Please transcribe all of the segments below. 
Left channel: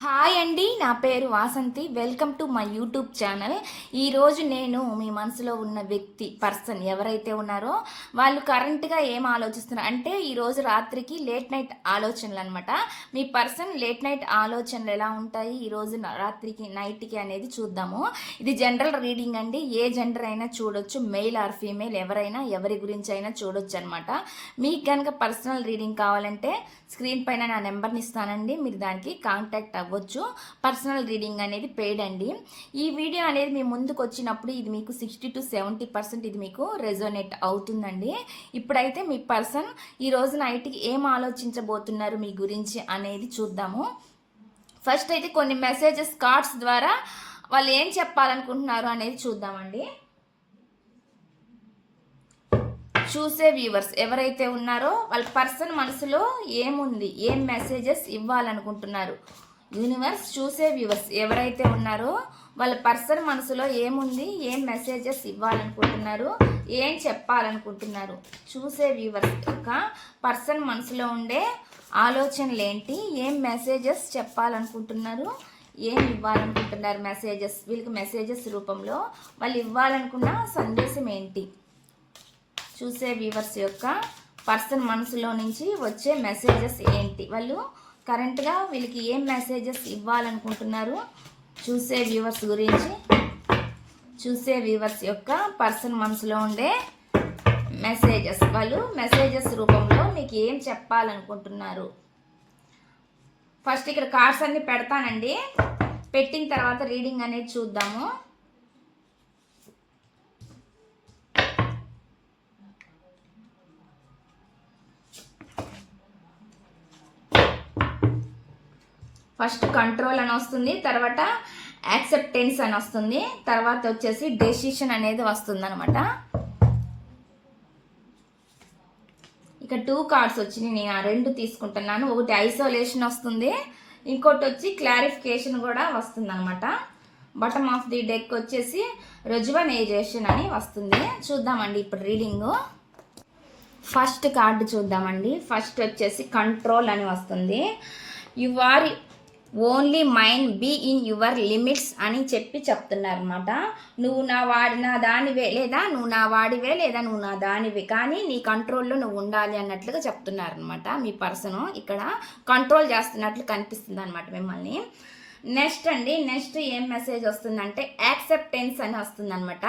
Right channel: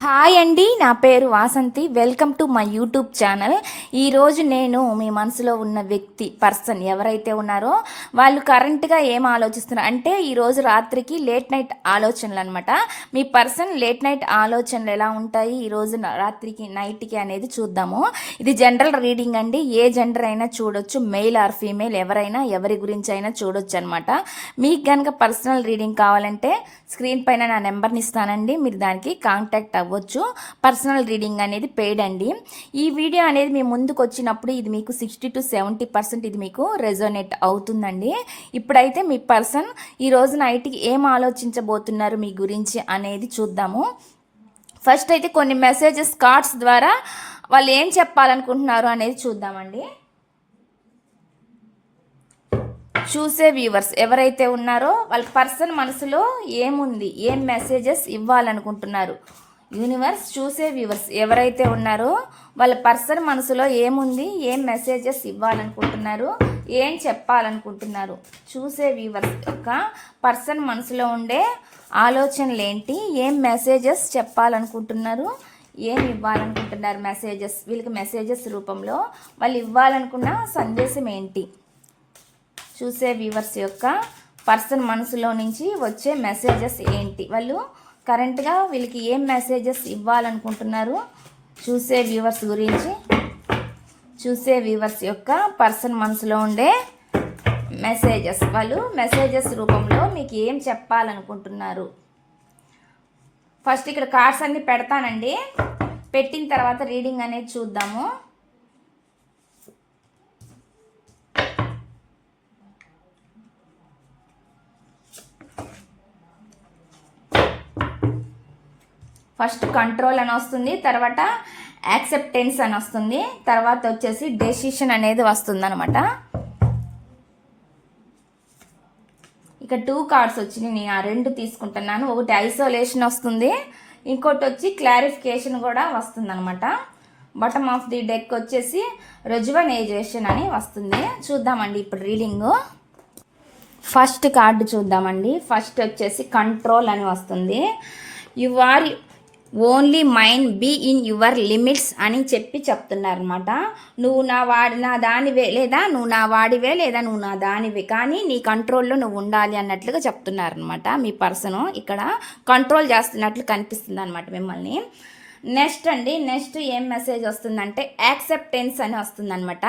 Hi అండి నా పేరు Vasanthi. Welcome to my YouTube channel. ఈరోజు నేను మీ మనసులో ఉన్న వ్యక్తి పర్సన్ ఎవరైతే ఉన్నారో వాళ్ళు కరెంట్గా ఏం ఆలోచిస్తున్నారు అంటే ఈరోజు రాత్రికి లేట్ నైట్ ఆలోచనలు అనమాట మీ పర్సన్ లేట్ నైట్ ఆలోచనలు ఎలా ఉంటాయి? ఈరోజు రాత్రికి నైట్కి అనేది చూద్దాము. ఇది జనరల్ రీడింగ్ అండి. ఏ జెండర్ అయినా చూడొచ్చు. మెయిల్ ఆర్ ఫీమేల్ ఎవరైనా ఎవరి గురించి అయినా చూడొచ్చు అనమాట మీకు కనుక పర్సనల్ రీడింగ్ కావాలంటే స్క్రీన్ పైన నా నెంబర్ని ఇస్తానండి. మీరు దానికి కాంటాక్ట్ అవ్వచ్చు. పర్సనల్ రీడింగ్ అనేది పెయిడ్ అండి. ఈ వీడియో అనేది మీ ముందుకు వచ్చినప్పుడు ఇది మీకు సిక్స్టీ టు సెవెంటీ పర్సెంట్ ఇది మీకు రెజోనేట్ అవుతుందండి. ఇప్పుడైతే మీ పర్సన్ ఈ రోజున నైట్కి ఏం ఆలోచించబోతున్నారు మీ గురించి అనేది చూద్దాము. ఫస్ట్ అయితే కొన్ని మెసేజెస్ కార్డ్స్ ద్వారా వాళ్ళు ఏం చెప్పాలనుకుంటున్నారు అనేది చూద్దామండి. చూసే వ్యూవర్స్ ఎవరైతే ఉన్నారో వాళ్ళ పర్సన్ మనసులో ఏముంది ఏం మెసేజెస్ ఇవ్వాలనుకుంటున్నారు? యూనివర్స్ చూసే వ్యూవర్స్ ఎవరైతే ఉన్నారో వాళ్ళ పర్సన్ మనసులో ఏముంది ఏం మెసేజెస్ ఇవ్వాలనుకుంటున్నారు ఏం చెప్పాలనుకుంటున్నారు? చూసే వ్యూవర్స్ యొక్క పర్సన్ మనసులో ఉండే ఆలోచనలు ఏంటి ఏం మెసేజెస్ చెప్పాలనుకుంటున్నారు ఏం ఇవ్వాలనుకుంటున్నారు మెసేజెస్ వీళ్ళకి మెసేజెస్ రూపంలో వాళ్ళు ఇవ్వాలనుకున్న సందేశం ఏంటి? చూసే వ్యూవర్స్ యొక్క పర్సన్ మనసులో నుంచి వచ్చే మెసేజెస్ ఏంటి? వాళ్ళు కరెంట్గా వీళ్ళకి ఏం మెసేజెస్ ఇవ్వాలనుకుంటున్నారు? చూసే వ్యూవర్స్ గురించి చూసే వ్యూవర్స్ యొక్క పర్సన్ మనసులో ఉండే మెసేజెస్. వాళ్ళు మెసేజెస్ రూపంలో మీకు ఏం చెప్పాలనుకుంటున్నారు? ఫస్ట్ ఇక్కడ కార్డ్స్ అన్నీ పెడతానండి. పెట్టిన తర్వాత రీడింగ్ అనేది చూద్దాము. ఫస్ట్ కంట్రోల్ అని వస్తుంది తర్వాత యాక్సెప్టెన్స్ అని వస్తుంది తర్వాత వచ్చేసి డెసిషన్ అనేది వస్తుంది అనమాట ఇక టూ కార్డ్స్ వచ్చినాయి నేను ఆ రెండు తీసుకుంటున్నాను. ఒకటి ఐసోలేషన్ వస్తుంది ఇంకోటి వచ్చి క్లారిఫికేషన్ కూడా వస్తుంది అనమాట బటమ్ ఆఫ్ ది డెక్ వచ్చేసి రెజువనైజేషన్ అని వస్తుంది. చూద్దామండి ఇప్పుడు రీడింగు ఫస్ట్ కార్డు చూద్దామండి. ఫస్ట్ వచ్చేసి కంట్రోల్ అని వస్తుంది. You are only mind be in your limits అని చెప్పి చెప్తున్నారనమాట నువ్వు నా వాడి నా దానివే లేదా నువ్వు నా వాడివే లేదా నువ్వు నా దానివే. కానీ నీ కంట్రోల్లో నువ్వు ఉండాలి అన్నట్లుగా చెప్తున్నారనమాట మీ పర్సన్. ఇక్కడ కంట్రోల్ చేస్తున్నట్లు కనిపిస్తుంది అనమాట మిమ్మల్ని. నెక్స్ట్ అండి నెక్స్ట్ ఏం మెసేజ్ వస్తుందంటే యాక్సెప్టెన్స్ అని వస్తుందనమాట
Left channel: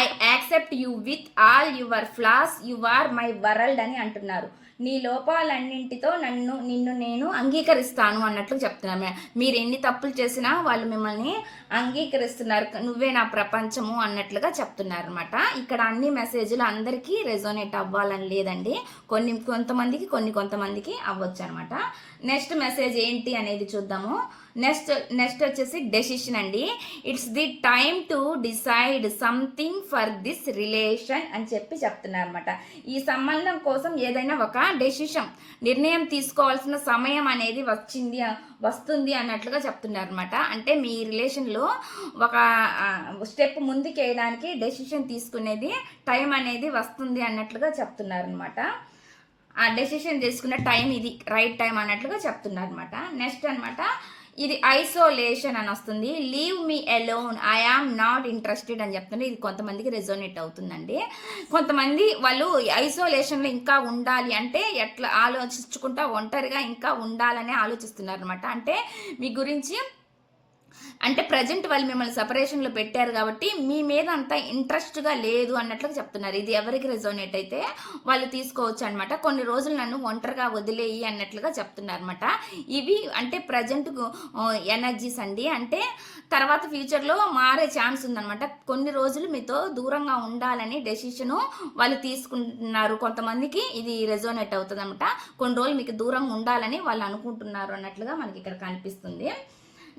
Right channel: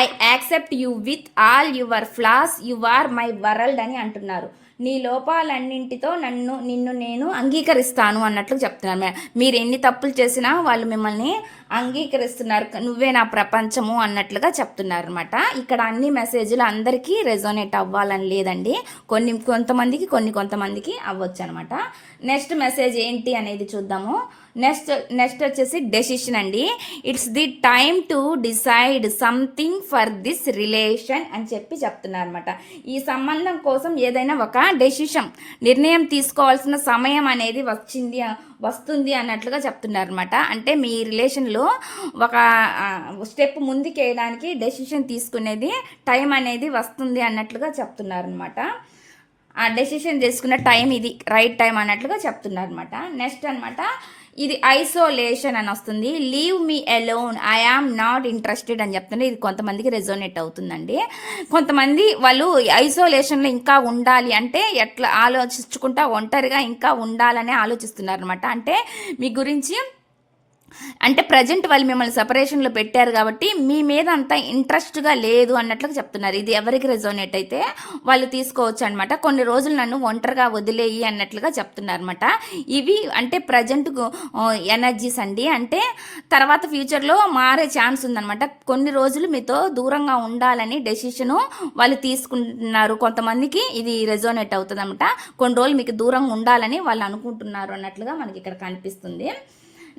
I accept you with all your flaws you are my world అని అంటున్నారు. నీ లోపాలన్నింటితో నన్ను నిన్ను నేను అంగీకరిస్తాను అన్నట్లు చెప్తున్నాను మీరు ఎన్ని తప్పులు చేసినా వాళ్ళు మిమ్మల్ని అంగీకరిస్తున్నారు. నువ్వే నా ప్రపంచము అన్నట్లుగా చెప్తున్నారు అనమాట ఇక్కడ అన్ని మెసేజ్లు అందరికీ రెజోనేట్ అవ్వాలని లేదండి. కొన్ని కొంతమందికి కొన్ని కొంతమందికి అవ్వచ్చు అనమాట నెక్స్ట్ మెసేజ్ ఏంటి అనేది చూద్దాము. నెక్స్ట్ నెక్స్ట్ వచ్చేసి డెసిషన్ అండి. It's the time to decide something for this relation అని చెప్పి చెప్తున్నారు అనమాట ఈ సంబంధం కోసం ఏదైనా ఒక డెసిషన్ నిర్ణయం తీసుకోవాల్సిన సమయం అనేది వచ్చింది వస్తుంది అన్నట్లుగా చెప్తున్నారు అనమాట అంటే మీ రిలేషన్లో ఒక స్టెప్ ముందుకు వేయడానికి డెసిషన్ తీసుకునేది టైం అనేది వస్తుంది అన్నట్లుగా చెప్తున్నారు అనమాట ఆ డెసిషన్ తీసుకున్న టైం ఇది రైట్ టైం అన్నట్లుగా చెప్తున్నారు అనమాట నెక్స్ట్ అనమాట ఇది ఐసోలేషన్ అని వస్తుంది. Leave me alone I am not interested అని చెప్తుంటే ఇది కొంతమందికి రెజోనేట్ అవుతుందండి. కొంతమంది వాళ్ళు ఐసోలేషన్లో ఇంకా ఉండాలి అంటే ఎట్లా ఆలోచించుకుంటా ఒంటరిగా ఇంకా ఉండాలని ఆలోచిస్తున్నారు అనమాట అంటే మీ గురించి అంటే ప్రజెంట్ వాళ్ళు మిమ్మల్ని సపరేషన్లో పెట్టారు కాబట్టి మీ మీద అంత ఇంట్రెస్ట్గా లేదు అన్నట్లుగా చెప్తున్నారు. ఇది ఎవరికి రెజోనేట్ అయితే వాళ్ళు తీసుకోవచ్చు అనమాట కొన్ని రోజులు నన్ను ఒంటరిగా వదిలేయి అన్నట్లుగా చెప్తున్నారు అనమాట ఇవి అంటే ప్రజెంట్ ఎనర్జీస్ అండి. అంటే తర్వాత ఫ్యూచర్లో మారే ఛాన్స్ ఉందన్నమాట. కొన్ని రోజులు మీతో దూరంగా ఉండాలని డెసిషను వాళ్ళు తీసుకుంటున్నారు. కొంతమందికి ఇది రెజోనేట్ అవుతుంది అనమాట కొన్ని రోజులు మీకు దూరంగా ఉండాలని వాళ్ళు అనుకుంటున్నారు అన్నట్లుగా మనకి ఇక్కడ కనిపిస్తుంది.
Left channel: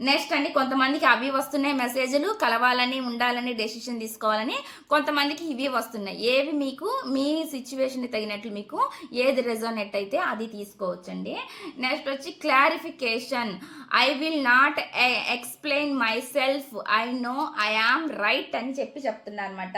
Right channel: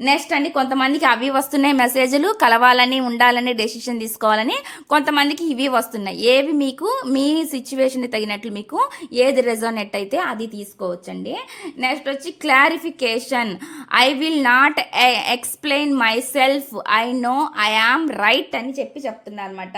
నెక్స్ట్ అండి కొంతమందికి అవి వస్తున్నాయి మెసేజ్లు కలవాలని ఉండాలని డెసిషన్ తీసుకోవాలని కొంతమందికి ఇవి వస్తున్నాయి. ఏవి మీకు మీ సిచ్యువేషన్ తగినట్లు మీకు ఏది రెజోనెట్ అయితే అది తీసుకోవచ్చండి. నెక్స్ట్ వచ్చి clarification I will not explain myself I know I am right అని చెప్పి చెప్తున్నారు అనమాట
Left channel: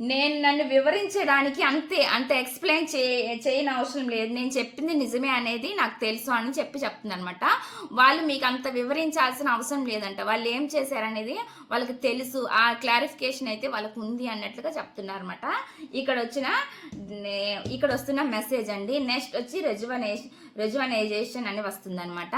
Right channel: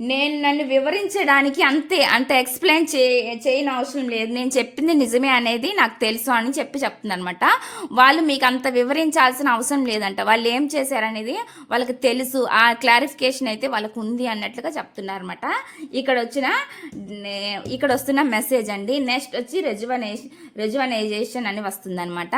నేను నన్ను వివరించడానికి అంతే అంత ఎక్స్ప్లెయిన్ చే చేయని అవసరం లేదు. నేను చెప్పింది నిజమే అనేది నాకు తెలుసు అని చెప్పి చెప్తుందనమాట వాళ్ళు మీకు అంత వివరించాల్సిన అవసరం లేదంట. వాళ్ళు ఏం చేశారనేది వాళ్ళకి తెలుసు. ఆ క్లారిఫికేషన్ అయితే వాళ్ళకు ఉంది అన్నట్లుగా చెప్తున్నారనమాట ఇక్కడ వచ్చిన నే- ఇక్కడ వస్తున్న మెసేజ్ అండి. నెక్స్ట్ వచ్చి రెజువనేషన్ రెజువనైజేషన్ అని వస్తుందన్నమాట.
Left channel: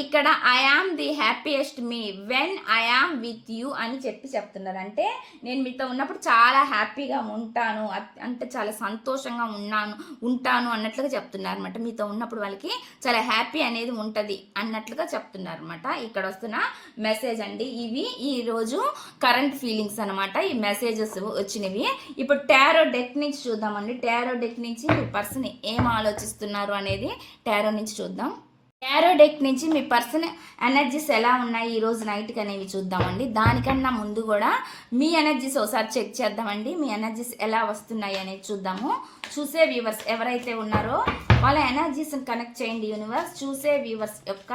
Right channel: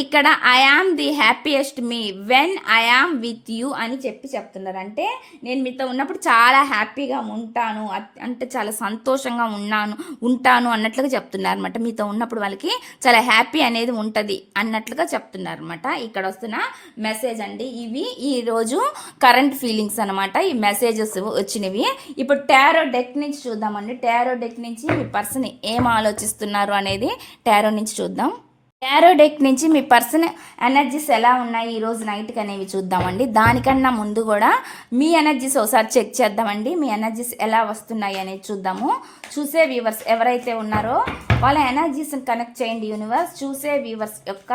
ఇక్కడ I am the happiest me when I am with you అని చెప్పి చెప్తున్నారు. అంటే నేను మీతో ఉన్నప్పుడు చాలా హ్యాపీగా ఉంటాను అంటే చాలా సంతోషంగా ఉన్నాను ఉంటాను అన్నట్లుగా చెప్తున్నారు అనమాట మీతో ఉన్నప్పుడు వాళ్ళకి చాలా హ్యాపీ అనేది ఉంటుంది అన్నట్లుగా చెప్తున్నారు అనమాట ఇక్కడ వస్తున్న మెసేజ్ అండి ఇవి. ఈరోజు కరెంట్ ఫీలింగ్స్ అనమాట ఈ మెసేజెస్ వచ్చినవి. ఇప్పుడు టారో డెక్ నుంచి చూద్దామండి. టారో డెక్ నుంచి మీ పర్సన్ ఏం ఆలోచిస్తున్నారు అనేది టారో నుంచి చూద్దాం. టారో డెక్ నుంచి మీ పర్సన్ ఎనర్జీస్ ఎలా ఉన్నాయి ఈరోజు నైట్కి అనేవి చూద్దామండి. దానికన్నా ముందు కూడా మీ ఎనర్జీస్ ఒకసారి చెక్ చేద్దామండి. మీ ఎనర్జీస్ ఎలా వస్తున్నాయి అనేది చూద్దాము. చూసే వ్యూవర్స్ ఎవరైతే ఉన్నారో వాళ్ళ ఎనర్జీస్ని కనెక్ట్ చేయండి యూనివర్స్ చూసే వ్యూవర్స్ యొక్క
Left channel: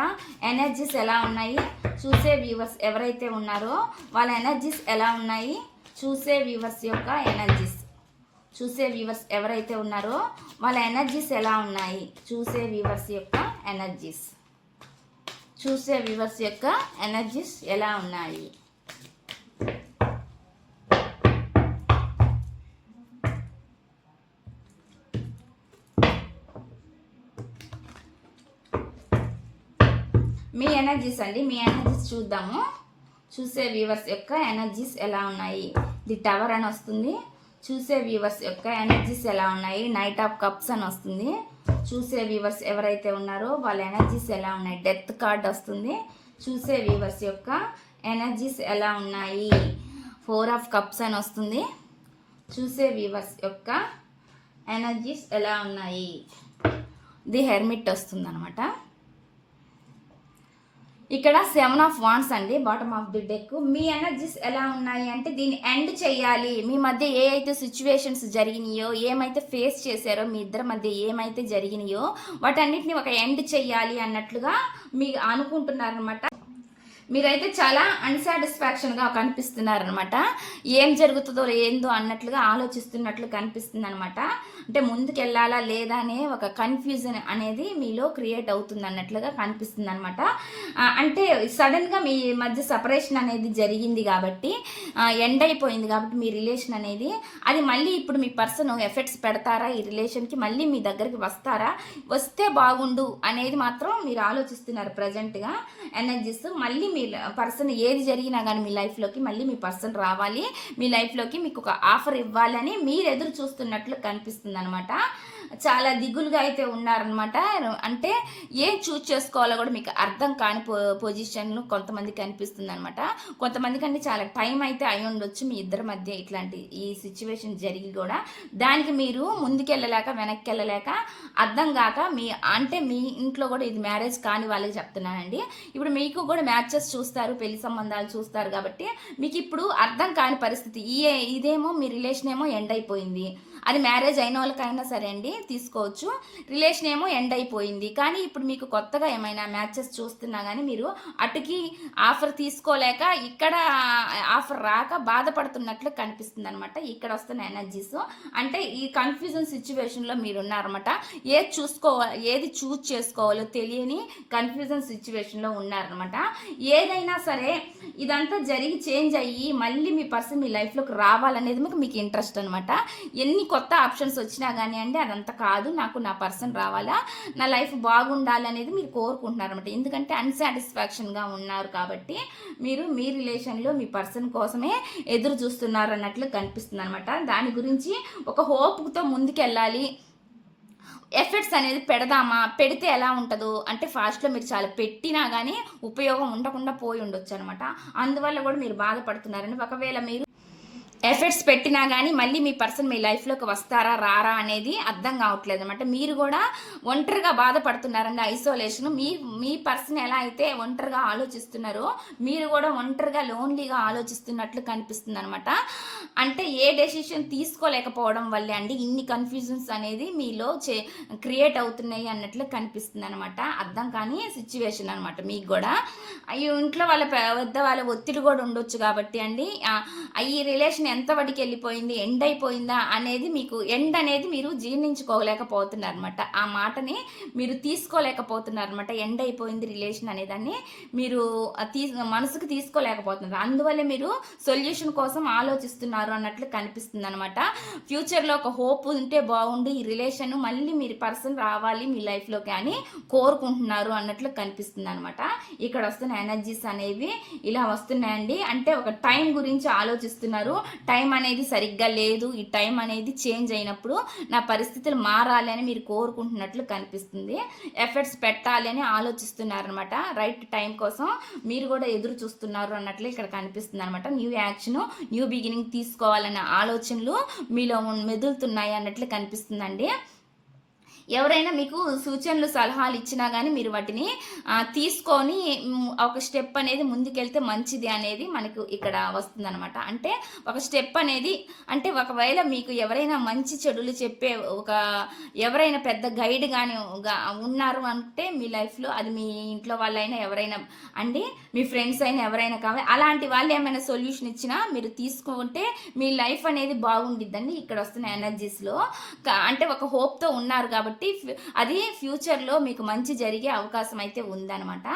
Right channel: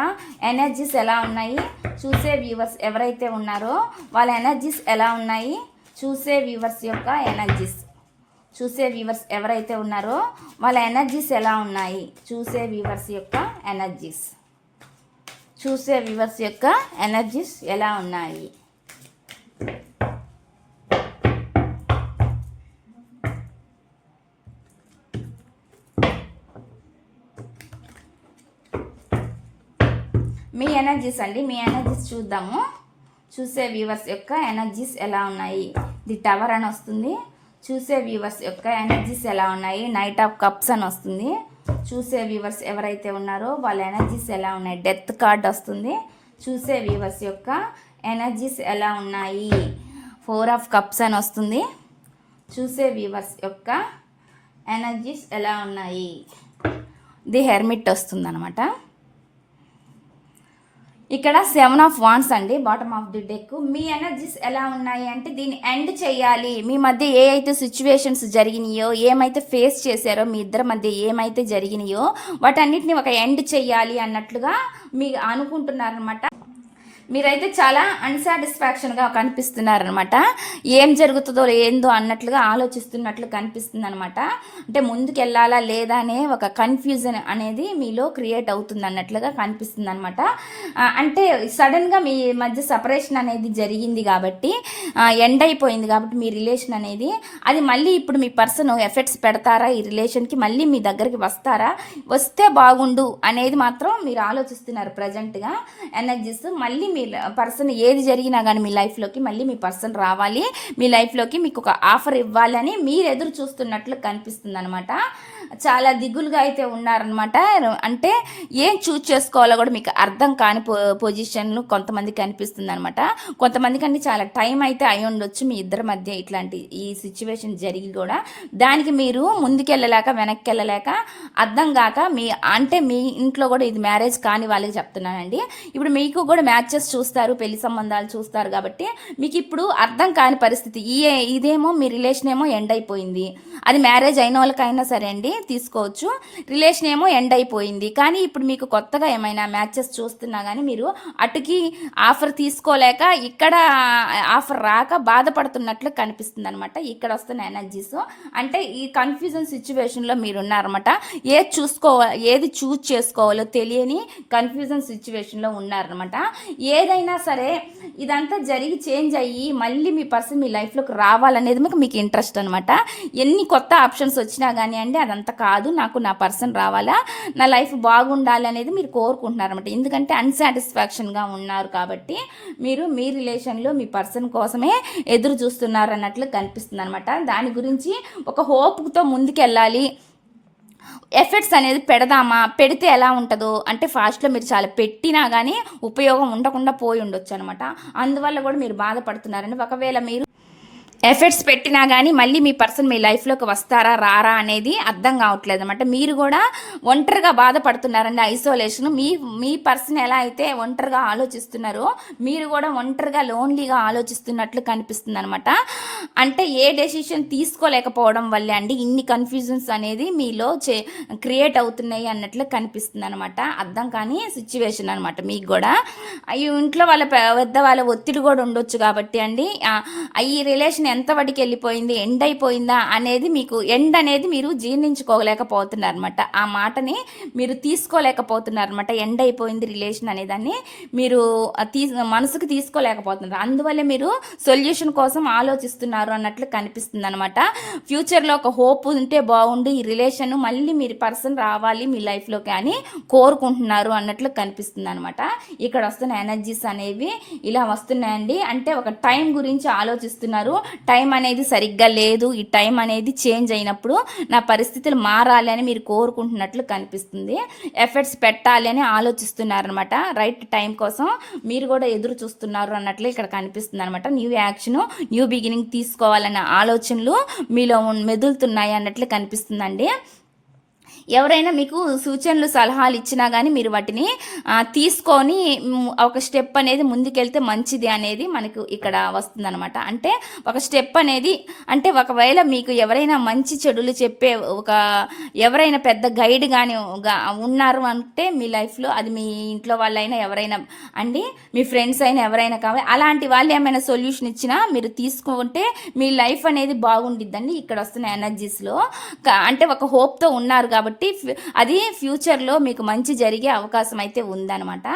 ఎనర్జీస్ ఎలా ఉన్నాయి? చూసే వ్యూవర్స్ ఎవరైతే ఉన్నారో వాళ్ళ ఎనర్జీస్ ఎలా ఉన్నాయి? చూసే వ్యూవర్స్ యొక్క ఎనర్జీస్. చూసే వ్యూవర్స్ ఎవరైతే ఉన్నారో వాళ్ళ ఎనర్జీస్ ఎలా ఉన్నాయి? చూసే వ్యూవర్స్ యొక్క ఎనర్జీస్ చూసే వ్యూవర్స్ యొక్క ఎనర్జీస్ ఎలా ఉన్నాయి? మీ ఎనర్జీస్ అండి మీ ఎనర్జీస్ చూద్దాము. చూసే వ్యూవర్స్ యొక్క ఎనర్జీస్ ఎలా ఉన్నాయి? ది టవర్ అని వస్తుంది. చూసే వ్యూవర్స్ యొక్క ఎనర్జీస్ ఎలా ఉన్నాయి? నైట్ ఆఫ్ కప్స్ అని వస్తుంది. చూసే వ్యూవర్స్ ఎవరైతే ఉన్నారో వాళ్ళ ఎనర్జీస్ ఎలా ఉన్నాయి? డెత్ కార్డ్ వస్తుంది. చూసే వ్యూవర్స్ యొక్క ఎనర్జీస్ ఎలా ఉన్నాయి? ఫోర్ ఆఫ్ కప్స్ అని వస్తుంది. చూసే వ్యూవర్స్ యొక్క ఎనర్జీస్ ఎలా ఉన్నాయి? ది హెర్మిట్ వస్తుందనమాట ఇక్కడ సెవెన్ ఆఫ్ వాన్స్ అండి బాటమ్ ఆఫ్ ది డెక్ మీ ఎనర్జీస్ ఎలా ఉన్నాయి అంటే దీన్ని ఎండ్ చేయాలి. మీ మధ్య ఏ అయితే సిచ్యువేషన్స్ జరిగినాయో ఏమైతే ఫేస్ చేశారో మీ ఇద్దరి మధ్య ఏమైతే జరిగినాయో వాటన్నిటిని ఒక ఎండ్ చేయాలి అన్నట్లుగా మీ అనుకుంటున్నారనమాట మీరైతే చాలా అన్సాటిస్ఫాక్షన్గా కనిపిస్తున్నారనమాట ఏం జరుగుతుందో ఏందో అన్నట్లుగా ఆలోచిస్తున్నట్లు కనిపిస్తుంది అనమాట అంటే ముందుకు వెళ్ళాలా లేదా అనే ఒక కన్ఫ్యూజన్ అనేది మీలో క్రియేట్ అవుతుంది అన్నట్లుగా కనిపిస్తుంది అనమాట అంటే సడన్గా మీ మధ్య సపరేషన్ అనేది జరిగింది కాబట్టి ఎండ్ అయిపోయింది కాబట్టి మీ రిలేషన్ అనేది అది మళ్ళీ ఇప్పుడు మీ పర్సన్ ఎఫెక్ట్స్ పెడతారా? ఈ రిలేషన్కి మళ్ళీ మీ దగ్గరికి వస్తారా? వస్తే బాగుండు అనేది మాత్రం మీరు ఆలోచిస్తున్నారు ప్రజెంట్గా ఎనర్జీస్ మళ్ళీ మీ పర్సన్ ఏది జరిగినా కానీ మీ లైఫ్లోకి మళ్ళీ మీ పర్సన్ రావాలి. మీ లైఫ్లోకి మీకు ఒక ఆఫర్ ఇవ్వాలని మీరు ఎదురు చూస్తున్నట్లు కనిపిస్తుంది అనమాట చాలా దిగులుగా అయితే ఉన్నారనమాట అంటే ఏం చూజ్ చేసుకోవాలో కూడా మీకు అర్థం కాని పొ పొజిషన్ కొంతమందికి కనిపిస్తుంది అనమాట కొంతమందికి అంటే చాలా టైం అయితే అయి ఉండొచ్చు మీ ఇద్దరి మధ్య ఇట్లాంటి ఈ సిచ్యువేషన్ జరిగి కూడా. దానికి మీరు ముందుకెళ్ళలేక వెనక్కి వెళ్ళలేక అర్థం కాక మీ అంటే మీ ఇంట్లో కూడా ఇది మ్యారేజ్ కాని వాళ్ళకి చెప్తున్నానండి. ఇప్పుడు మీకు కూడా మ్యాచెస్ చూస్తారు పెళ్ళి సంబంధాలు చూస్తారు కాబట్టి మీకు ఇప్పుడు అర్థం కాని పరిస్థితి. ఈ ఇదేమో మీ రిలేషన్ ఏమో ఎండ్ అయిపోయింది. అది మ్యారేజ్ అయిన వాళ్ళకైనా సరే అండి తీసుకోవచ్చు. రిలేషన్ ఏమో ఎండ్ అయిపోయింది. కానీ ఇప్పుడు మీకు కొత్తగా ఏమైనా మ్యాచెస్ చూస్తున్నా కానీ మీరు అటుకి ఆఫర్ తీసుకోలేక ఇక్కడ ఆఫర్ రాక బాధపడుతున్నట్లు కనిపిస్తుంది అనమాట ఇక్కడ వస్తున్న ఎనర్జీస్. అంటే ఈ కన్ఫ్యూజన్ సిచ్యువేషన్లో మీరు ఉన్నారన్నమాట ఏది చూసుకోవాలి ఏది చూజ్ చేసుకోవాలో తెలియని కన్ఫ్యూజన్ సిచ్యువేషన్లో ఉన్నారనమాట ఏదైనా సరే ఇదంతా జరిగి చేంజ్ అయ్యి మళ్ళీ మీ పర్సన్ మీ లైఫ్లోకి రావాలనేది మీకు మీకు ఇంట్రెస్ట్ అనమాట ఎన్ని కొత్త ఆప్షన్స్ వచ్చినా కానీ అండి అదంతా కాదు నాకు నా పర్సన్ రావాలా? నా లైఫ్ బాగుండాలి అనేది మీరు కోరుకుంటున్నారు అనమాట ఎందుకంటే అన్సాటిస్ఫాక్షన్గా ఉన్నారు కాబట్టి మీరు మీ రిలేషన్లో మీ పర్సన్ కోసమే ఎదురు చూస్తున్నారు అన్నట్లు కనిపిస్తుంది అనమాట దాని గురించి ఒక హోప్తో ముందుకెళ్ళాలి. ఎఫెక్ట్స్ అనేది పెడదామా? పెడితే ఎలా ఉంటుందో? అంటే ఫాస్ట్లో మీరు చాలా పెట్టినా కానీ ఉపయోగం ఉండకుండా పోయి ఉండొచ్చు అనమాట అందువల్ల కూడా మీరు బాధపడుతున్నారని ఒకవేళ మీరు ఎఫర్ట్స్ పెట్టినా కానీ మళ్ళీ మీ పర్సన్ మీ లైఫ్లోకి వస్తారా రారా అనేది అర్థం కావట్లేదు అనమాట మీరు కూడా ఒంటరిగా బాధపడుతున్నారండి ఐసోలేషన్. మీ మీ పర్సన్ ఎలా అయితే ఒంటరిగా ఆలోచిస్తున్నారో మీరు కూడా ఒంటరిగా లోన్లీగా ఆలోచిస్తున్నట్లు కనిపిస్తుంది అనమాట అంటే ఏ డెసిషన్ తీసుకోలేకపోవడం వల్లే అండి ఇన్ని కన్ఫ్యూజన్స్ అనేది మీలో చే క్రియేట్ అవుతున్నాయి అన్నట్లు కనిపిస్తుంది అనమాట అర్థం కాని సిచ్యువేషన్ అనమాట మీకు కూడా. ఈ ఇంట్లో వాళ్ళ పెద్ద వాళ్ళ ఒత్తిడి కూడా ఉండొచ్చు కాబట్టి అండి. ఈ రిలేషన్ ఎంత వడికి వెళ్ళిపోయింది ఎండ్ అయిపోయిందా అనేది మీకు ఎండ్ అనేది మీరు జీర్ణించుకోలేకపోతున్నారు అనమాట ఆ మాటని మీరు తీసుకోలేకపోతున్నారు అనమాట ఎండ్ అయిపోయింది రిలేషన్ అనేదాన్ని మీరు తీ మనసుకు తీసుకోలేకపోతున్నారు. అందువల్ల మీరు సొల్యూషన్ కోసం ఆలోచిస్తున్నారు అన్నట్లు కనిపిస్తుంది అనమాట ఫ్యూచర్లో ఒక హోప్ ఉంటే బాగుండు ఈ రిలేషన్ మళ్ళీ మీరు పర్సన్ రావాలి మీ లైఫ్లోకి అని కోరుకుంటున్నారు అన్నట్లు కనిపిస్తుంది అనమాట ఇక్కడ వస్తున్న ఎనర్జీస్ అనేవి ఇలా వస్తున్నాయండి. అంటే ఒక టైం గురించి ఆలోచిస్తున్నారు. టైం అనేది సరిగ్గా లేదు ఈ టైం అనేది చేంజ్ అయినప్పుడు నా పరిస్థితులు మారాలి అని మీరు కోరుకుంటున్నట్లు కనిపిస్తుంది. ఎఫర్ట్స్ పెట్టాలి అని ఆలోచిస్తున్నారనమాట రైట్ టైం కోసం మీరు కూడా ఎదురు చూస్తున్నారు అన్నట్లు ఇక్కడ కనిపిస్తుంది అనమాట న్యూ యాక్షన్ న్యూ బిగినింగ్ తీసుకోవాలన్న ఆలోచనలు మీలో మెదులుతున్నాయి అన్నట్లు కనిపిస్తుందండి. ఎవరైనా మీకు సూచనలు సలహాలు ఇచ్చినా కానీ మీరు వాటిని తీసుకొని ఒక స్టెప్ అనేది ముందుకెళ్తే మంచిది అనేది మనకు ఇక్కడ వస్తుందన్నమాట. అంటే ఒక స్టెప్ అనేది అంటే ఒకవేళ మీకు ఎవరైనా మంచి చెడులు చెప్పే ఒక ఎవరైనా పెద్ద గైడ్ కానీ ఉన్నారు అంటే మీ లైఫ్లో అది మీ ఇంట్లో వాళ్ళైనా ఎవరైనా అండి మీ ఫ్రెండ్స్ అయినా ఎవరైనా కావాలి అలాంటి వాళ్ళు ఏమైనా సొల్యూషన్ ఇచ్చినా మీరు తీసుకుంటే మీ లైఫ్ అనేది బాగుండిద్దండి. ఇక్కడ వస్తున్న ఎనర్జీస్లో అంటే ఒక హోప్తో ఉన్నారు కాబట్టి కాబట్టి అది ఫ్యూచర్లో మీకు మంచి జరిగే అవకాశం అయితే ఉందన్నమాట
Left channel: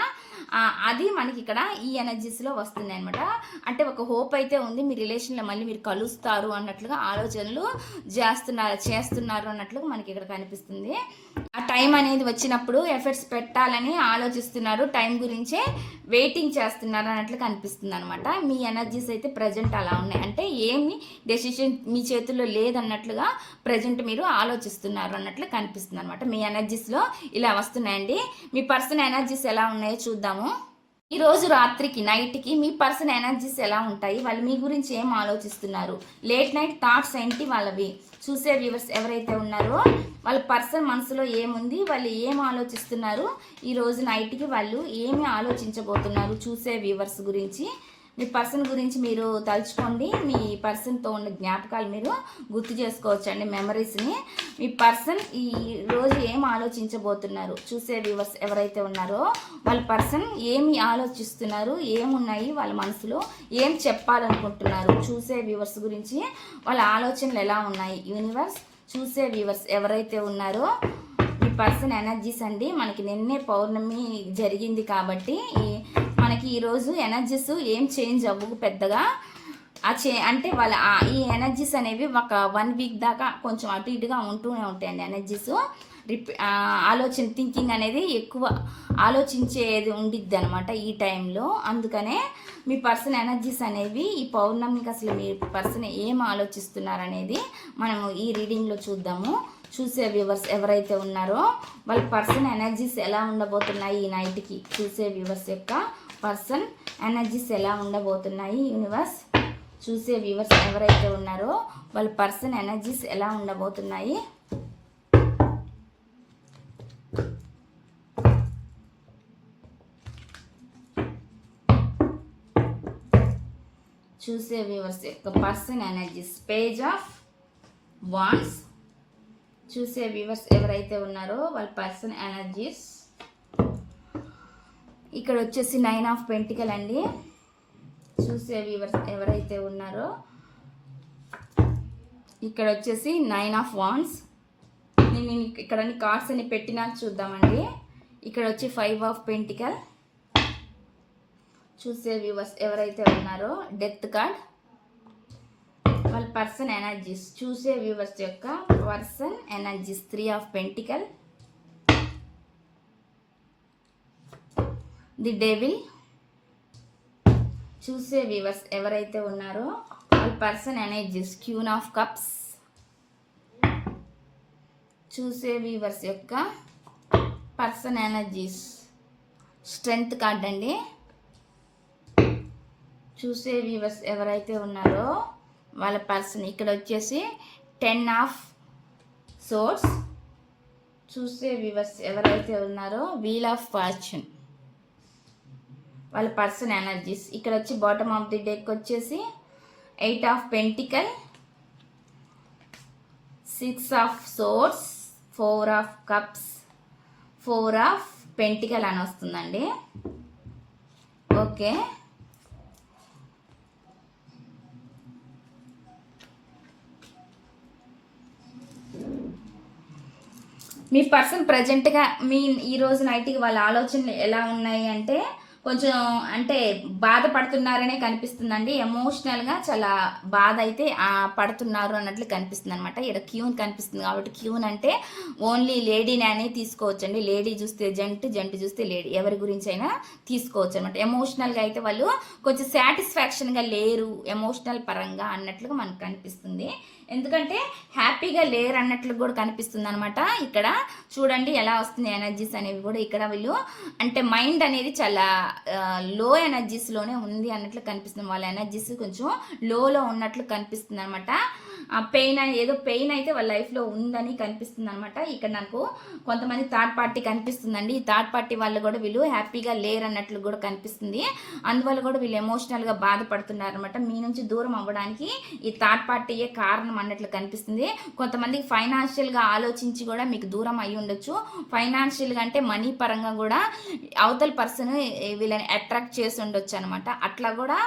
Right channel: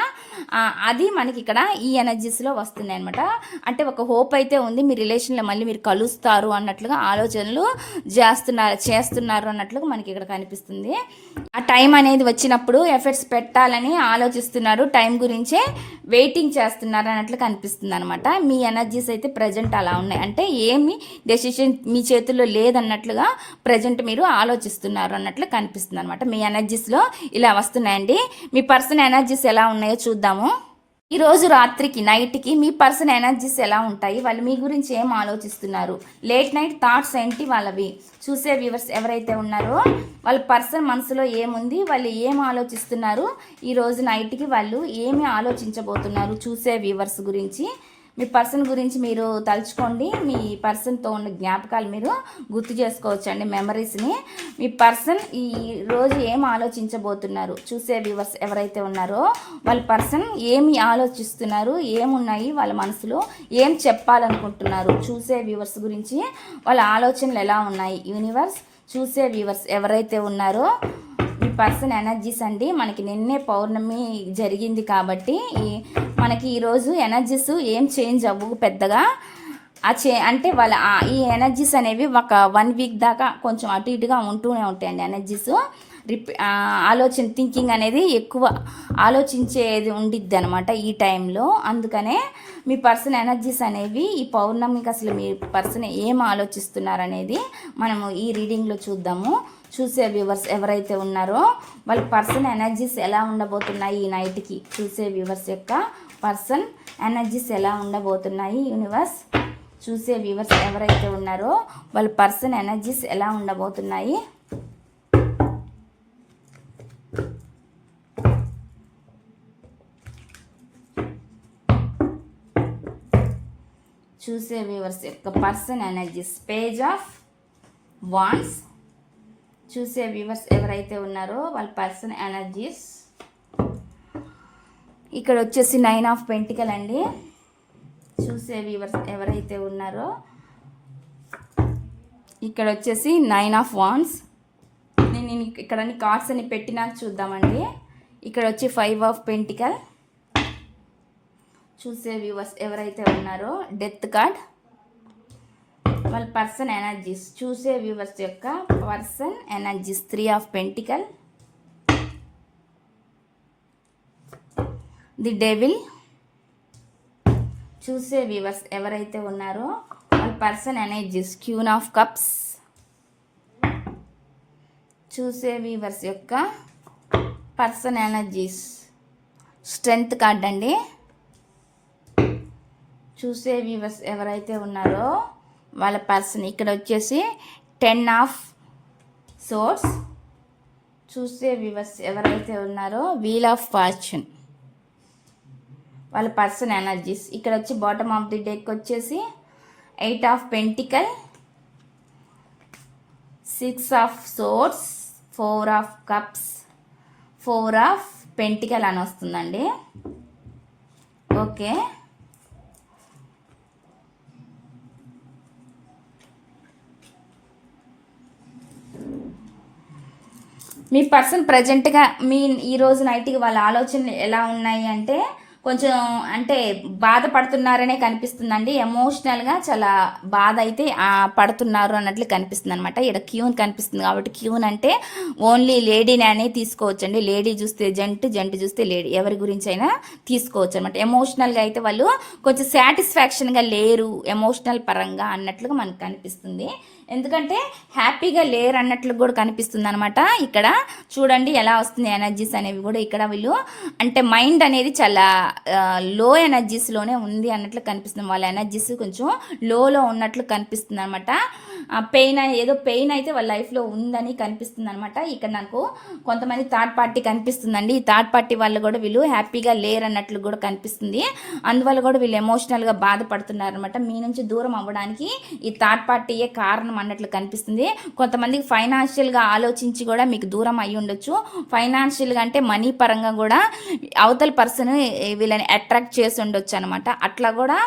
అది మనకి ఇక్కడ ఈ ఎనర్జీస్లో వస్తున్నాయి అనమాట అంటే ఒక హోప్ అయితే ఉంది మీ రిలేషన్లో మళ్ళీ మీరు కలుస్తారు అన్నట్లుగా ఆలోచనలు చేస్తున్నారు చేస్తున్నారు అన్నట్లుగా మనకి ఇక్కడ కనిపిస్తుంది. ఆ టైం అనేది వచ్చినప్పుడు ఎఫర్ట్స్ పెట్టాలని ఆలోచిస్తున్నారు టైం గురించే వెయిటింగ్ చేస్తున్నారు అన్నట్లు కనిపిస్తుంది అనమాట మీ ఎనర్జీస్ అయితే ప్రజెంట్ అలా ఉన్నాయి. అంటే ఏమి డెసిషన్ మీ చేతుల్లో లేదన్నట్లుగా ప్రజెంట్ మీరు ఆలోచిస్తున్నారు అన్నట్లు కనిపిస్తుంది. అనమాట మీ ఎనర్జీస్లో ఇలా వస్తున్నాయండి. మీ పర్సన్ ఎనర్జీస్ ఎలా ఉన్నాయో చూద్దాము. ఈరోజు రాత్రికి నైట్కి మీ పర్సన్ ఎనర్జీస్ ఎలా ఉంటాయి? వాళ్ళు మీ గురించి ఏం ఆలోచిస్తున్నారు? లేట్ నైట్ థాట్స్ ఏంటి వాళ్ళవి? చూసే వ్యూవర్స్ ఎవరైతే ఉన్నారో వాళ్ళ పర్సన్ మనసులో ఏముంది? వాళ్ళు ఏం ఆలోచిస్తున్నారు? ఈరోజు నైట్కి వాళ్ళు ఏమి ఆలోచించబోతున్నారు? చూసే వ్యూవర్స్ గురించి మీ పర్సన్ గురించి మీరు తలుచుకోండి. మీ పర్సన్తో ఉన్న జ్ఞాపకాలు మీరు గుర్తు చేసుకోవచ్చు అండి మెమరీస్ని. మీ పర్సన్ ఈ రోజు ఏం ఆలోచించబోతున్నారు? చూసే వ్యూవర్స్ ఎవరైతే ఉన్నారో వాళ్ళ పర్సన్ ఏమి ఆలోచిస్తున్నారు? ఏమున్నాయి? వాళ్ళ మనసులో ఏం చెప్పాలనుకుంటున్నారు? చూసే వ్యూవర్స్ గురించి వాళ్ళ ఆలోచనలు ఎలా ఉన్నాయి? యూనివర్స్ చూసే వ్యూవర్స్ ఎవరైతే ఉన్నారో మీ పర్సన్ ఎనర్జీస్ అండి. మనకి నిన్నే పౌర్ణమి జరిగింది కాబట్టి ఈ మనకి ఈరోజు ఎనర్జీస్ ఏం చేంజ్ అవ్వవు పెద్దగా. ఆ చే అంటే వాళ్ళ ఈ ఎనర్జీస్ అనేవి ఒక వన్ వీక్ దాకా కొంచెం అటు ఇటుగా ఉంటూనే ఉంటాయండి ఎనర్జీస్. రిపీ ఆలోచన థింకింగ్ అనేది ఎక్కువ ఆలోచించేది ఉండిద్ది అనమాట ఈ టైంలో. అందుకనే మీ పర్సన్ ఎనర్జీస్ అనేవి ఈ పౌర్ణమికి అసలు మీ పర్సన్ ఏం ఆలోచిస్తున్నారనేది మనము ఈ రీడింగ్లో చూద్దాము. చూసే వ్యూవర్స్ ఎవరైతే ఉన్నారో వాళ్ళ పర్సన్ ఎనర్జీస్ ఎలా ఉండబోతున్నాయి ఈ నైట్కి చూసే వ్యూవర్స్ యొక్క పర్సన్ ఎనర్జీస్ ఎలా ఉండబోతున్నాయి యూనివర్స్? చూసే వ్యూవర్స్ ఎవరైతే ఉన్నారో వాళ్ళ పర్సన్ ఎనర్జీస్ ఎలా ఉండబోతున్నాయి? చూసే వ్యూవర్స్ యొక్క person energies. Page of wands. చూసే వ్యూవర్స్ ఎవరైతే ఉన్నారో వాళ్ళ పర్సన్ ఎనర్జీస్. ఇక్కడ వచ్చేసి నైన్ ఆఫ్ పెంటికల్ అండి. చూసే వ్యూవర్స్ ఎవరైతే ఉన్నారో ఇక్కడ వచ్చేసి నైన్ ఆఫ్ వాన్స్ నేను ఇక్కడ కార్డ్స్ అని పెట్టినా చూద్దామండి. ఇక్కడ వచ్చి ఫైవ్ ఆఫ్ పెంటికల్ చూసే వ్యూవర్స్ ఎవరైతే ఉన్నారో డెత్ కార్డ్ వాళ్ళ పర్సన్ ఎనర్జీస్ చూసే వ్యూవర్స్ యొక్క person energies three of pentacle the devil. చూసే వ్యూవర్స్ ఎవరైతే ఉన్నారో వాళ్ళ person energies queen of cups. చూసే వ్యూవర్స్ యొక్క పర్సన్ ఎనర్జీస్ స్ట్రెంగ్త్ కార్డ్ అండి. చూసే వ్యూవర్స్ ఎవరైతే ఉన్నారో వాళ్ళ పర్సన్ ఇక్కడ వచ్చేసి టెన్ ఆఫ్ సోర్స్. చూసే వ్యూవర్స్ ఎవరైతే ఉన్నారో వీల్ ఆఫ్ ఫార్చ్యూన్. వాళ్ళ పర్సన్ ఎనర్జీస్. ఇక్కడ వచ్చి బాటమ్ ఆఫ్ ది డెక్ వచ్చేసి eight of pentacle six of swords four of cups four of pentacle అని వస్తుందండి. ఓకే. మీ పర్సన్ ప్రజెంట్గా మీ ఈరోజు నైట్కి వాళ్ళ ఆలోచనలు ఎలా ఉన్నాయి అంటే కొంచెం అంటే బాధపడుతున్నారనే కనిపిస్తుందండి. ఎమోషనల్గా చాలా బాధ అయితే పడుతున్నారు అన్నట్లు కనిపిస్తుంది అనమాట ఇక్కడ క్యూన్ కనిపిస్తుంది కాబట్టి క్యూన్ అంటే ఓన్లీ లేడీని అనేది తీసుకోవచ్చండి. లేడీ చూస్తే జంట్ జంట్ చూస్తే లేడీ. ఎవరి గురించి అయినా తీసుకోవచ్చు అనమాట ఎమోషనల్గా అయితే వాళ్ళు కొంచెం సాటిస్ఫాక్షన్గా లేరు ఎమోషనల్ పరంగా అన్నట్లుగా మనకు కనిపిస్తుంది. ఎందుకంటే హ్యాపీగా లేరు అన్నట్లు కూడా కనిపిస్తుంది అనమాట ఇక్కడ చూడండి ఎలా వస్తుంది ఎనర్జీస్ అనేవి కూడా ఇక్కడ వీళ్ళు. అంటే మైండ్ అనేది చాలా లో ఎనర్జీస్లోనే ఉంది అన్నట్లు కనిపిస్తుంది. వాళ్ళ ఎనర్జీస్ కొంచెం లోలో ఉన్నట్లు కనిపిస్తుంది అనమాట పెయిన్ ఏదో పెయిన్ అయితే వాళ్ళ లైఫ్లో ఉందని కనిపిస్తుంది అనమాట ఇక్కడ నాకు కొంతమంది థర్డ్ పార్టీ కనిపిస్తుందండి. ఈ థర్డ్ పార్టీ వాళ్ళు కూడా వీళ్ళు హ్యాపీగా లేరన్నట్లు కూడా కనిపిస్తుంది. అందువల్ల కూడా వీళ్ళు ఎమోషనల్గా బాధపడుతున్నారు అనమాట మీ నుంచి దూరం అవ్వడానికి ఈ థర్డ్ పార్టీయే కారణం అన్నట్లు కనిపిస్తుంది. కొంతమందికి ఫైనాన్షియల్గా ఆలోచించి కూడా మీకు దూరం అయి ఉండొచ్చు. ఫైనాన్షియల్గా అంటే మనీ పరంగా కూడా అవతల పర్సన్ వీళ్ళని అట్రాక్ట్ చేసి ఉండొచ్చు అనమాట అట్లా కూడా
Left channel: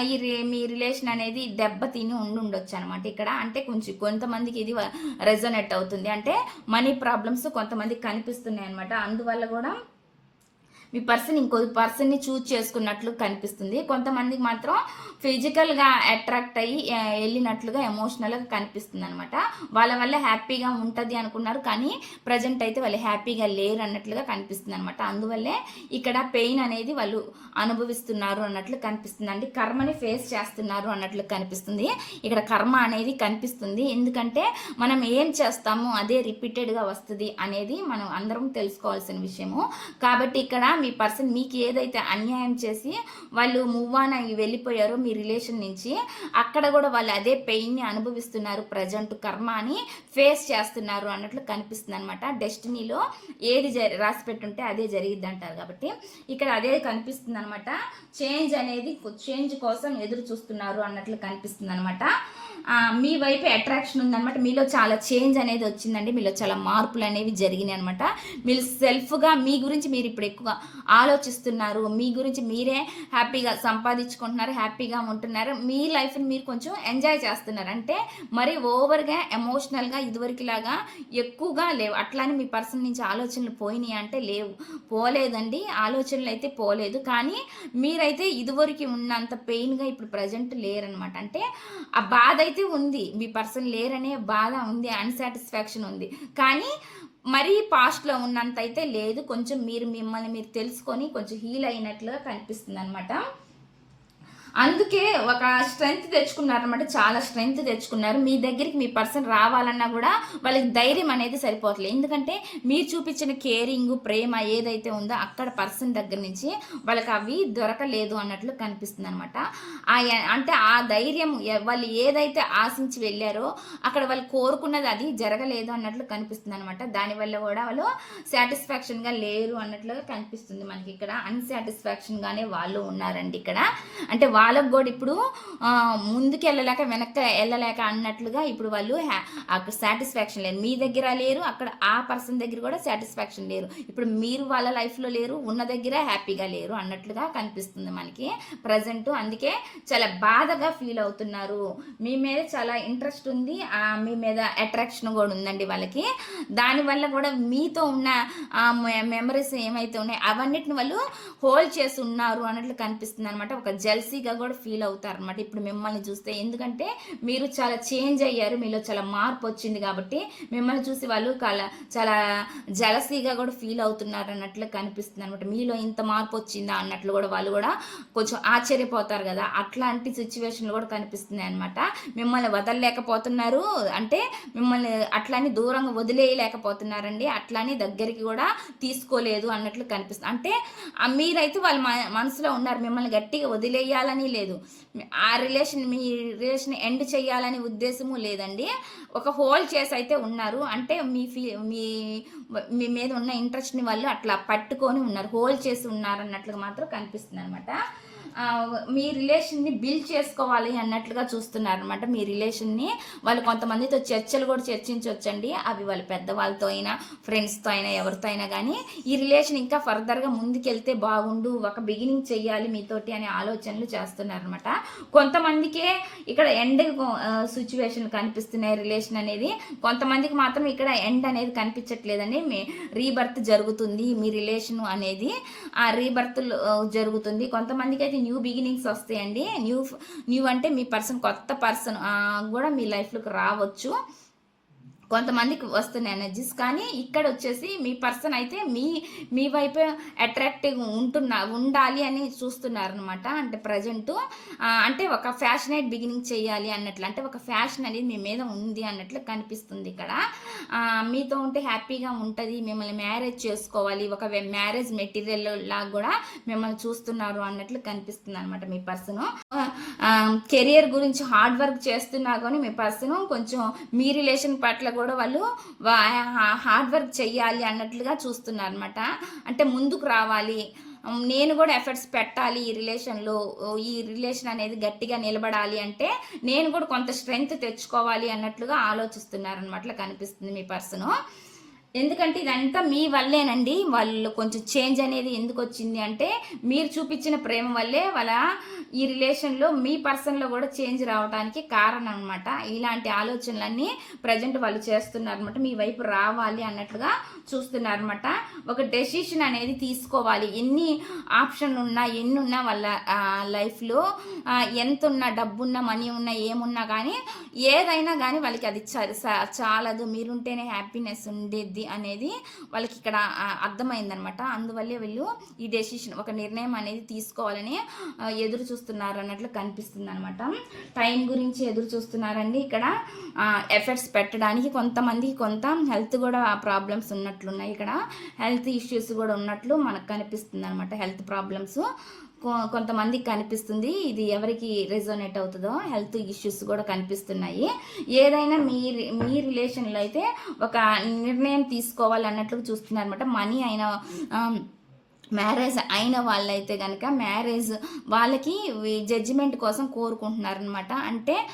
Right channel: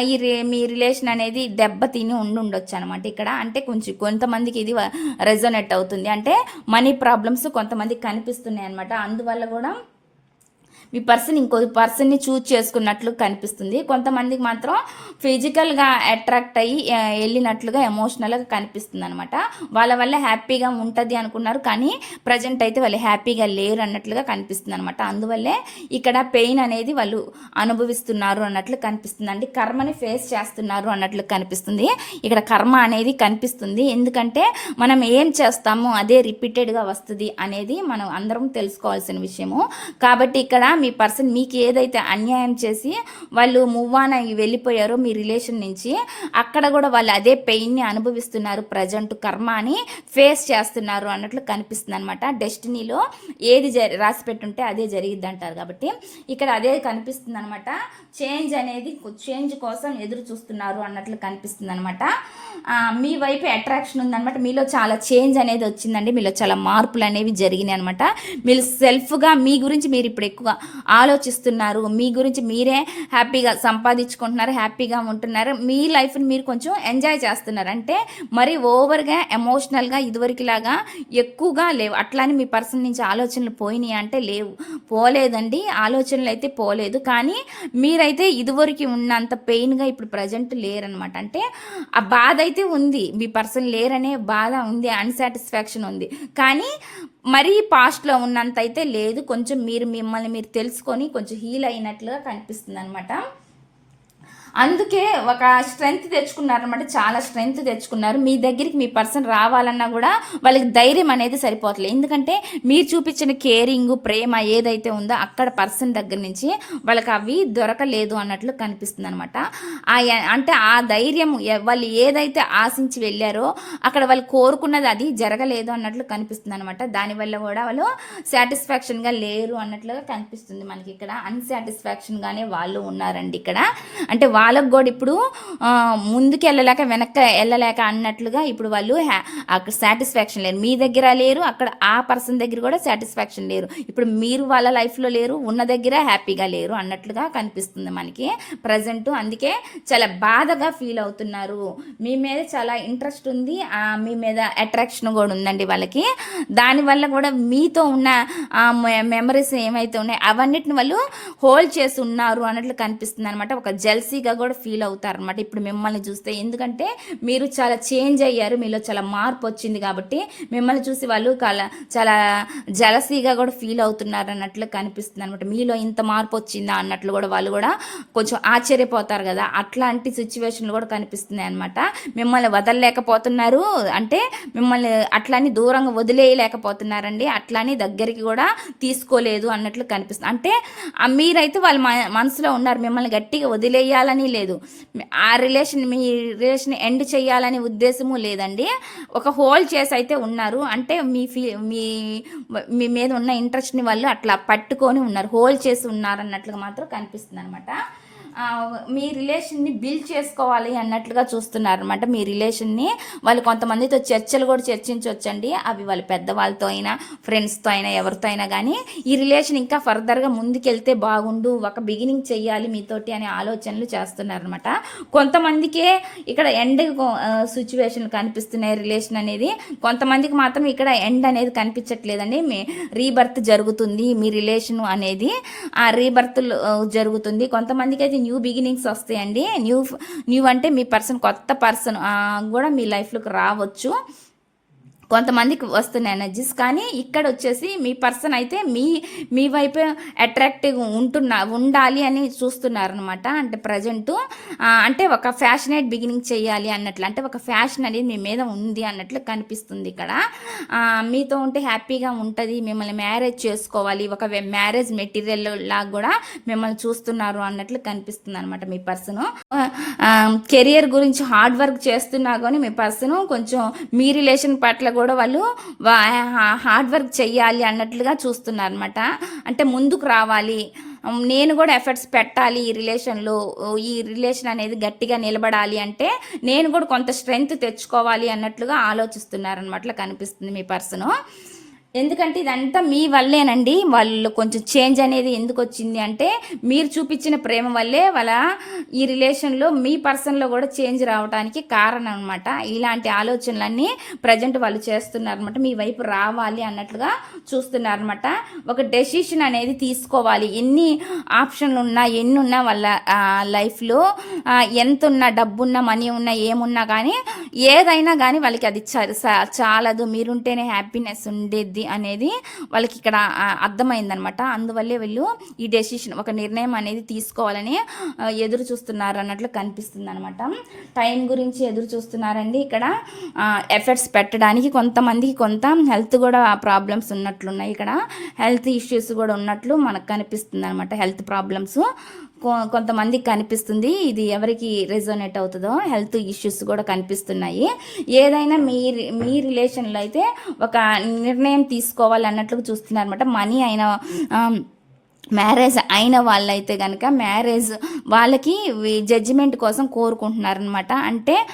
ఈ రి- మీ రిలేషన్ అనేది దెబ్బతిని ఉండి ఉండొచ్చు అనమాట ఇక్కడ అంటే కొంచెం కొంతమందికి ఇది రెజోనేట్ అవుతుంది. అంటే మనీ ప్రాబ్లమ్స్ కొంతమందికి కనిపిస్తున్నాయి అనమాట అందువల్ల కూడా మీ పర్సన్ ఇంకో పర్సన్ని చూజ్ చేసుకున్నట్లు కనిపిస్తుంది. కొంతమందికి మాత్రం ఫిజికల్గా అట్రాక్ట్ అయ్యి వెళ్ళినట్లుగా ఎమోషనల్గా కనిపిస్తుంది అనమాట వాళ్ళ వల్ల హ్యాపీగా ఉంటుంది అనుకున్నారు కానీ ప్రజెంట్ అయితే వాళ్ళు హ్యాపీగా లేరు అన్నట్లుగా కనిపిస్తుంది అనమాట అందువల్లే ఇక్కడ పెయిన్ అనేది వాళ్ళు అనుభవిస్తున్నారు అన్నట్లు కనిపిస్తుంది అండి కర్మని ఫేస్ చేస్తున్నారు అన్నట్లు కనిపిస్తుంది. ఇక్కడ కర్మ అనేది కనిపిస్తుంది. ఎందుకంటే మనం ఏం చేస్తామో అదే రిపీటెడ్గా వస్తుంది అనేది మనం అందరం తెలుసుకోవాల్సిన విషయము. కాబట్టి ఇక్కడ మీ పర్సన్ మీకు ఏదైతే అన్యాయం చేసి వాళ్ళు మూవ్ ఆన్ అయ్యి వెళ్ళిపోయారో మీ రిలేషన్ నుంచి అక్కడ కూడా వాళ్ళు అదే పెయిన్ని అనుభవిస్తున్నారు ప్రజెంట్ కర్మ అని ఫేస్ చేస్తున్నారు అన్నట్లు కనిపిస్తుంది అనమాట డెస్టినీలో ఏది జ రాసి పెట్టుంటే అదే జరిగిద్ది అంటారు కాబట్టి ఇక్కడ అదే కనిపిస్తుంది అనమాట చేంజ్ అనేది చేంజ్ కోసం ఎదురు చూస్తున్నారు అన్నట్లు కనిపిస్తుంది అనమాట మీ వైపు అట్రాక్షన్ ఉందనమాట మీలో చాలా చేంజ్ అనేది వచ్చిందండి. మీలో చాలా మార్పులు అనేవి జరిగినాయి అనమాట మీరు సెల్ఫ్గా మీ గురించి మీరు ఇప్పుడు ఎక్కువ ఆలోచిస్తున్నారు. మీ గురించి మీరే హ్యాపీగా సంపాదించుకుంటున్నారు హ్యాపీగా ఉంటున్నారు. మీ లైఫ్ని మీరు కొంచెం ఎంజాయ్ చేస్తున్నారు. అంటే మరి ఓవర్గా ఎమోషనల్గా ఇదివరకులాగా ఎక్కువగా లేవు. అట్లానే మీ పర్సన్ నుంచి ఆలోచనలు పోయినాయి అంటే లేవు. పోలేదండి. ఆలోచనలు అయితే పోలేదు. కానీ మీరైతే ఇదివరకు ఉన్నంత పెయిన్గా ఇప్పుడు ప్రజెంట్ లేరనమాట అంటే ఆ బాధ అయితే ఉంది. మీ పర్సన్ లేరనే బాధ ఉంది. అన్సాటిస్ఫాక్షన్ ఉంది. కానీ మరీ పాస్ట్లో ఉన్నంత అయితే లేదు. కొంచెం మీరు మిమ్మల్ని మీరు తెలుసుకొని కొంచెం హీల్ అయినట్లుగా కనిపిస్తుంది అనమాట అందుకే ఒక స్ట్రెంగ్త్ తెచ్చుకున్నారనమాట చాలా స్ట్రెంగ్త్ తెచ్చుకున్నారు. మీ దగ్గరికి మీ పర్సన్ రావాలన్నా కూడా వాళ్ళకి ధైర్యం అనేది సరిపోవట్లేదు. ఎందుకంటే మీరు చూపించిన కేరింగ్ ప్రేమ ఏదైతే ఉందో అక్కడ పర్సన్ దగ్గర నుంచి వాళ్ళకి అవి దొరకలేదు అన్నట్లు కనిపిస్తుంది అనమాట అంటే ఆ ధైర్యం వాళ్ళు ఏదైతే ఆశించి వెళ్ళారో అక్కడ వాళ్ళు కోరుకున్నది అది జరగలేదు అన్నట్లు కనిపిస్తుంది అనమాట దానివల్ల కూడా వాళ్ళు సాటిస్ఫాక్షన్గా లేరు అన్నట్లుగా కనిపిస్తుంది మనకి ఇక్కడ. అన్సాటిస్ఫాక్షన్గానే వాళ్ళు ఉన్నారండి ఇక్కడ. అంటే వాళ్ళకు కూడా ఇప్పుడు ముందుకు వెళ్ళలేక వెనక్కి వెళ్ళలేక అన్నట్లుగా ఇప్పుడు వాళ్ళు హ్యా- అక్కడ సాటిస్ఫాక్షన్ లేరు. మీ దగ్గర లేరు అక్కడ ఆ పర్సన్ దగ్గర కూడా సాటిస్ఫాక్షన్ లేరు. ఇప్పుడు మీరు వాళ్ళ లైఫ్లో లేరు ఉన్న దగ్గర హ్యాపీగా లేరు అన్నట్లుగా కనిపిస్తుంది మనకి ప్రజెంట్ అందుకే చాలా బాధగా ఫీల్ అవుతున్నారు. మీ మీద చాలా ఇంట్రెస్ట్ ఉంది. మీ మీద అట్రాక్షన్ కూడా ఉందండి వాళ్ళకి. దానివల్ల కూడా మీతో ఉన్న మెమరీస్ ఏమైతే ఉన్నాయో అవన్నిటిని వాళ్ళు హోల్డ్ చేసి ఉన్నారు అన్నట్లు కనిపిస్తుంది అనమాట ఒక జెల్సీగా కూడా ఫీల్ అవుతారు అనమాట ఇప్పుడు మిమ్మల్ని చూస్తే ఎందుకంటే మీరు చాలా చేంజ్ అయ్యారు మీలో చాలా మార్పు వచ్చింది కాబట్టి మిమ్మల్ని చూసి వాళ్ళు చాలా చాలా జలసీగా కూడా ఫీల్ అవుతున్నారు అన్నట్లు కనిపిస్తుంది అనమాట మీలో ఇంత మార్పు వచ్చిందా అన్నట్లు కూడా వాళ్ళు కూడా కొంచెం ఆశ్చర్యపోతారు కదా. అట్లాంటి సిచ్యువేషన్లు కూడా కనిపిస్తున్నాయి అనమాట మిమ్మల్ని వదలలేకపోతున్నారు అంటే మిమ్మల్ని అట్లాని దూరంగా వదిలేయలేకపోతున్నారండి అట్లాని దగ్గరికి కూడా తీసుకోలేదు అన్నట్లు కనిపిస్తుంది. అంటే మీరైతే వాళ్ళ మనసులో ఉన్నారు మిమ్మల్ని గట్టిగా వదిలేయాలని లేదు. ఆ రిలేషన్ మీ రిలేషన్ ఎండ్ చేయాలని ఉద్దేశము లేదండి. ఒక హోల్డ్ చేసి అయితే ఉన్నారు. అంటే మీ ఫీ మీ మీ మీద ఉన్న ఇంట్రెస్ట్ని వాళ్ళు అట్లా పట్టుకొని ఉన్నారు. హోల్డ్ చేసి ఉన్నారు అన్నట్లుగా మాత్రం కనిపిస్తుంది అనమాట మీ రిలేషన్ని బిల్డ్ చేసుకోవాలి అన్నట్లుగా చూస్తున్నారు అనమాట మీ రిలేషన్ని వాళ్ళు కొంతమందితో చర్చలు కూడా చర్చించవచ్చండి అవి వాళ్ళ పెద్దవాళ్ళతో అయినా ఫ్రెండ్స్తో అయినా ఎవరితో అయినా కానీ ఈ రిలేషన్ ఇంకా ఫర్దర్గా ముందుకెళ్తే బాగుండు ఒక బిగినింగ్ చేయాలి మీతోటి అనే ఆలోచనలు చేస్తున్నారనమాట కొంతమందికే ఇక్కడ ఎండ్ సిచ్యువేషన్లు కనిపిస్తున్నాయి. రిలేషన్ అనేది కొంతమందికి మాత్రం ఇక్కడ ఎండ్ అనేది కనిపించట్లేదండి. మీ రీబర్త్ జరుగుతుంది. మీ రిలేషన్ అనేది ఆ రీబర్త్ జరుగుతుంది. కొంతమందికి అయితే న్యూ బిగినింగ్స్ వస్తాయండి. న్యూ న్యూ అంటే మీ పర్సన్ కొత్త పర్సన్ కూడా మీ లైఫ్లోకి రావచ్చు. కొంతమందికి వస్తున్నాయి ఎనర్జీస్ కానీ ఇక్కడ వచ్చేసి మీ పర్సన్ అయితే మీ మీ వైపు అట్రాక్టివ్ ఉంటున్నా ఉండాలి అని చూస్తున్నారనమాట అంటే ప్రజెంట్ అంటే ఒక ఫ్యాషనేట్ బిగినింగ్ చేయాలి అన్నట్లు అంటే ఒక ఫ్యాషన్ అనేది మీ మీద ఉంది అన్నట్లు కనిపిస్తుంది ఇక్కడ. మీతో ఉంటే హ్యాపీగా ఉంటుంది మిమ్మల్ని మ్యారేజ్ చేసుకోవాలి ఒక మ్యారేజ్ మెటీరియల్ లాగా కూడా మిమ్మల్ని చూస్తున్నారు అన్నట్లు కనిపిస్తుంది అనమాట మీ పర్సన్ కెరియర్ గురించి హార్డ్ వర్క్ చేస్తున్నా కానీ మీ పర్సన్ కొంచెం మీ రిలేషన్ పట్ల కూడా వాళ్ళు హార్డ్ వర్క్ చెయ్యాలి అన్నట్లుగా చూస్తున్నారు అనమాట అంటే ముందుకు రావాలి. నేను కూడా ఎఫర్ట్స్ పెట్టాలి ఈ రిలేషన్లో. ఈ రిలేషన్ అనేది గట్టిగా నిలబడాలి అంటే నేను కూడా కొంత స్ట్రెంగ్త్ తెచ్చుకోవాలి అన్నట్లుగా ఆలోచిస్తున్నారు అనమాట కనిపిస్తుంది మీ పర్సను. ఎందుకంటే ఇదంతా మీ వల్లేనండి. వాళ్ళు కొంచెం చేంజ్ అనేది ఎందుకు వచ్చింది అంటే మీరు చూపించిన ప్రేమ వల్లే వాళ్ళ ఈ రిలేషన్లో మీ పర్సన్లో కూడా చేంజ్ రావడానికి కారణం అనమాట ఇలాంటి ఆలోచనలన్నీ ప్రజెంట్ వాళ్ళు చేస్తున్నారనమాట మీ వైపు రావాలి అన్నట్లుగా చూస్తున్నారనమాట ఒక డెసిషన్ అనేది తీసుకోవాలి. ఎన్ని ఆప్షన్లు ఉన్నా ఎన్ని ఉన్నా వాళ్ళ లైఫ్లో ఎంత ఉన్నా డబ్బు ఉన్నా మనీ ఉన్నా ఏమున్నా కానీ ఏదైనా కానీ వాళ్ళకి అది స- చాలదు. మీరుంటేనే హ్యాపీనెస్ ఉండేది అనేది వాళ్ళకి ఇక్కడ అర్థమైందనమాట. అందువల్లే వీళ్ళు ఈ డెసిషన్ ఒక నిర్ణయం అనేది తీసుకోవాలని ఎదురు చూస్తున్నారు అన్నట్లు కనిపిస్తుంది అనమాట టైం గురించి ఎదురు చూస్తున్నారండి. ఇక్కడ ఎఫర్ట్స్ పెట్టడానికి కొంతమందికి కొంత హెల్త్ కూడా ప్రాబ్లమ్స్ ఉన్నట్లున్నాయి. ఇక్కడ హెల్త్ ఇష్యూస్ కూడా ఉన్నట్లు మనకు కనిపిస్తుంది అనమాట హెల్త్ ప్రాబ్లమ్స్ కొంతమందికి కనిపిస్తుంది. ఇది ఎవరికి రెజోనేట్ అవుతుందో హెల్త్ ఇష్యూస్ కూడా కనిపిస్తున్నాయి. ఏదైనా మీ మీ రిలేషన్లో అయితే ఒక నిర్ణయం తీసుకోవాలి అన్నట్లు మనీ అయిన మ్యారేజ్ అయిన వాళ్ళైతే కనుక మ్యారేజ్ వాళ్ళకి జడ్జిమెంట్ కోసం కోరుకుంటున్నారనమాట అంటే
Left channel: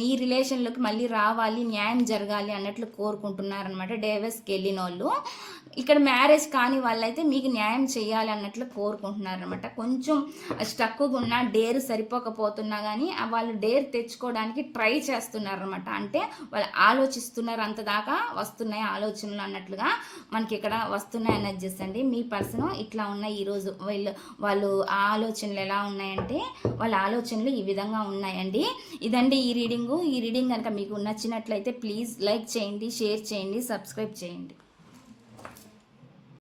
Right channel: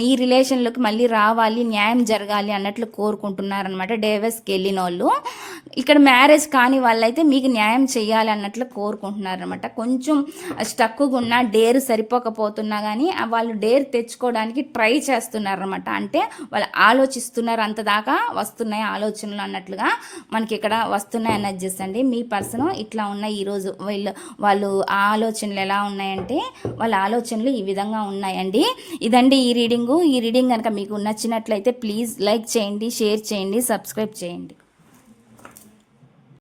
ఈ రిలేషన్లోకి మళ్ళీ రావాలి న్యాయం జరగాలి అన్నట్లు కోరుకుంటున్నారనమాట డేవెస్కి వెళ్ళిన వాళ్ళు ఇక్కడ మ్యారేజ్ కాని వాళ్ళైతే మీకు న్యాయం చేయాలి అన్నట్లు కోరుకుంటున్నారనమాట కొంచెం స్టక్గా ఉన్న డేర్ సరిపోకపోతున్నా కానీ వాళ్ళు డేర్ తెచ్చుకోవడానికి ట్రై చేస్తున్నారనమాట అంటే వాళ్ళు ఆలోచిస్తున్నారు అంత దాకా వస్తున్నాయి ఆలోచనలు అన్నట్లుగా మనకి ఇక్కడ వస్తున్నాయి ఎనర్జీస్ అండి. మీ పర్సన్ ఇట్లా ఉన్నాయి ఈరోజు వీళ్ళు వాళ్ళు ఆ ఆలోచనలు ఎలా ఉన్నాయంటే వాళ్ళ ఆలోచనలు ఈ విధంగా ఉన్నాయండి. ఇదండి ఈ రీడింగు. ఈ రీడింగ్ కనుక మీకు నచ్చినట్లయితే ప్లీజ్ లైక్ చేయండి షేర్ చేయండి సబ్స్క్రైబ్ చేయండి.